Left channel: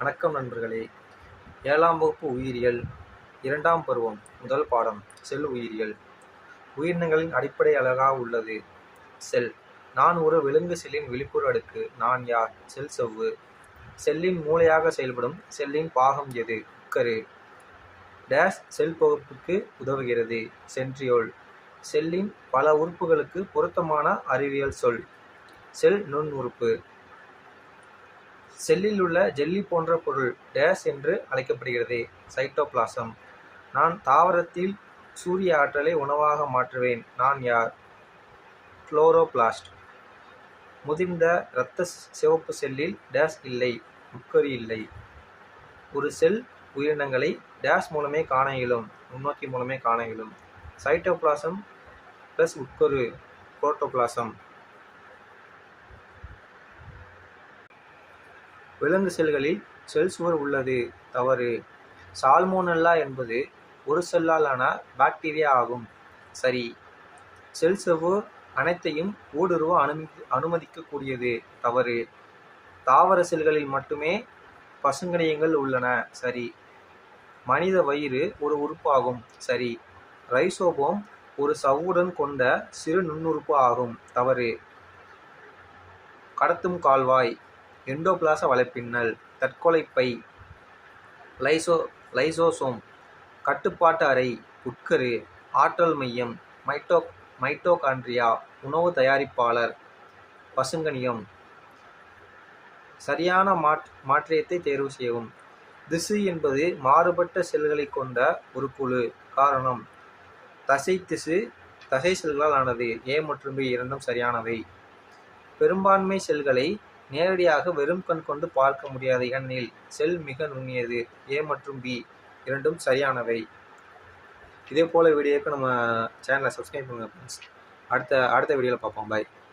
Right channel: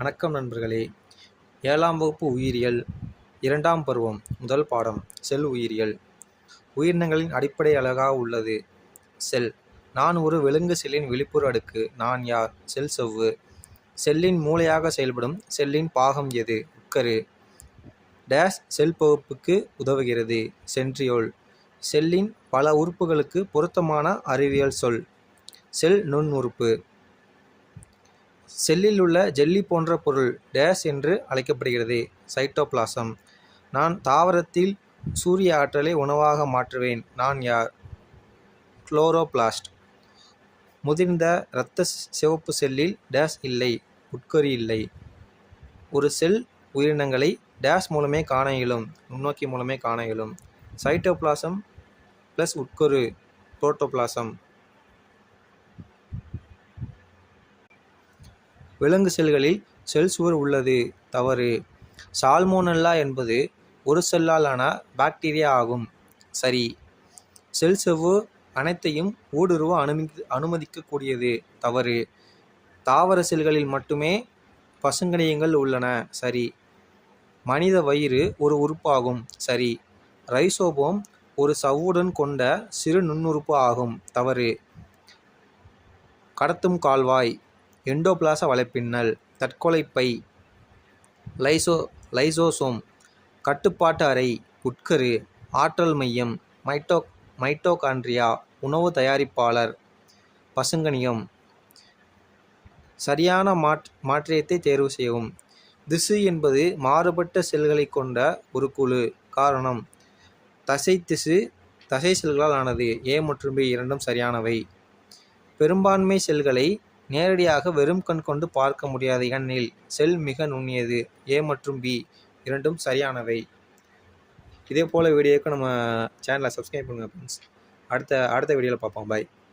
வணக்கம் நண்பர்களே. 7ஆம் வகுப்பு உயிரியல் 2ஆம் பருவம் முதல் பாடம் செல் உயிரியல். உயிரினங்களின் அடிப்படை அலகாக உள்ளது செல். நான் ஒரு விலங்கு செல்லின் வெளிப்புற அடுக்கு. நான் யார்? செல் செவ்வு. செல்லின் மூளையாக செயல்படும் செல்லின் பாகம் எது? உட்கரு. டேஸ் செல் பகுப்புக்கு உதவுகிறது. சென்ட்ரியோல். செல்லின் பல உறுப்புகளுக்கு பொருத்தமான அறிவியல் சொல். செல் நுண் உறுப்பு. செல்லில் உள்ள ஜெல்லி போன்ற பொருள் டேஸ் என்று அழைக்கப்படுகிறது. சைட்டோபிளாசம். நான் தாவரத்தில் சூரிய ஆற்றலை உணவாக மாற்றுவேன். நான் யார்? குளோரோபிளாஸ்ட். முதிர்ந்த இரத்த சிவப்பு செல்லில் டேஸ் இல்லை. உட்கரு இல்லை. ஒரு செல் உயிரினங்களை டேஸ் மூலமே காண இயலும். நுண்ணோக்கி மூலமே காண இயலும். சைட்டோபிளாசம் ப்ளஸ் உட்கரு புரோட்டோபிளாசம். விலங்கு செல்களில் செல் சுவர் உள்ளது. தவறு. சால்மோனெல்லா என்பது ஒரு செல்லாலான பாக்டீரியா ஆகும். சரி. செல் செவ்வு அனைத்தையும் ஊடுருவ அனுமதிக்கக்கூடியது. தவறு. தாவர செல்களில் மட்டுமே பசுங்கணியங்கள் உள்ளன. சரி. மனித வயிறு ஒரு உறுப்பாகும். சரி. ரைசோபோம் ஒரு சவ்வுடன் கொண்ட சிறு நுண்ணுறுப்பு ஆகும். தவறு. கடத்தும் கால்வாய். எண்டோபிளாச வலைப்பின்னல். தற்கொலைப்பை. லைசோசோம். கட்டுப்பாட்டு அறை. உட்கரு. ஆற்றல் மையம். மைட்டோகாண்ட்ரியா. உணவு தயாரிப்பாளர். பசுங்கணியம். சரியான மாற்றியத்தை தேர்வு செய்யவும். திசு என்பது மாறுபட்ட செல்களை கொண்ட ஒரு குழு. காரணம் தசை திசு தசை செல்களால் ஆனது. ஏ மற்றும் பி இரண்டும் சரியானவை. பெரும்பான்மை செல்களை நேரடியாக வெறும் கண் கொண்டு பார்க்க முடியாது. ஏனெனில் செல் மிக நுண்ணியது. ஏ மற்றும் பி இரண்டும் சரியானவை. இதே போல் வீடியோக்கு நம்ம சேனலை சப்ஸ்கிரைப் பண்ணுங்கள் ஃப்ரெண்ட்ஸ். அடுத்த வீடியோவில் பார்ப்போம். பாய்.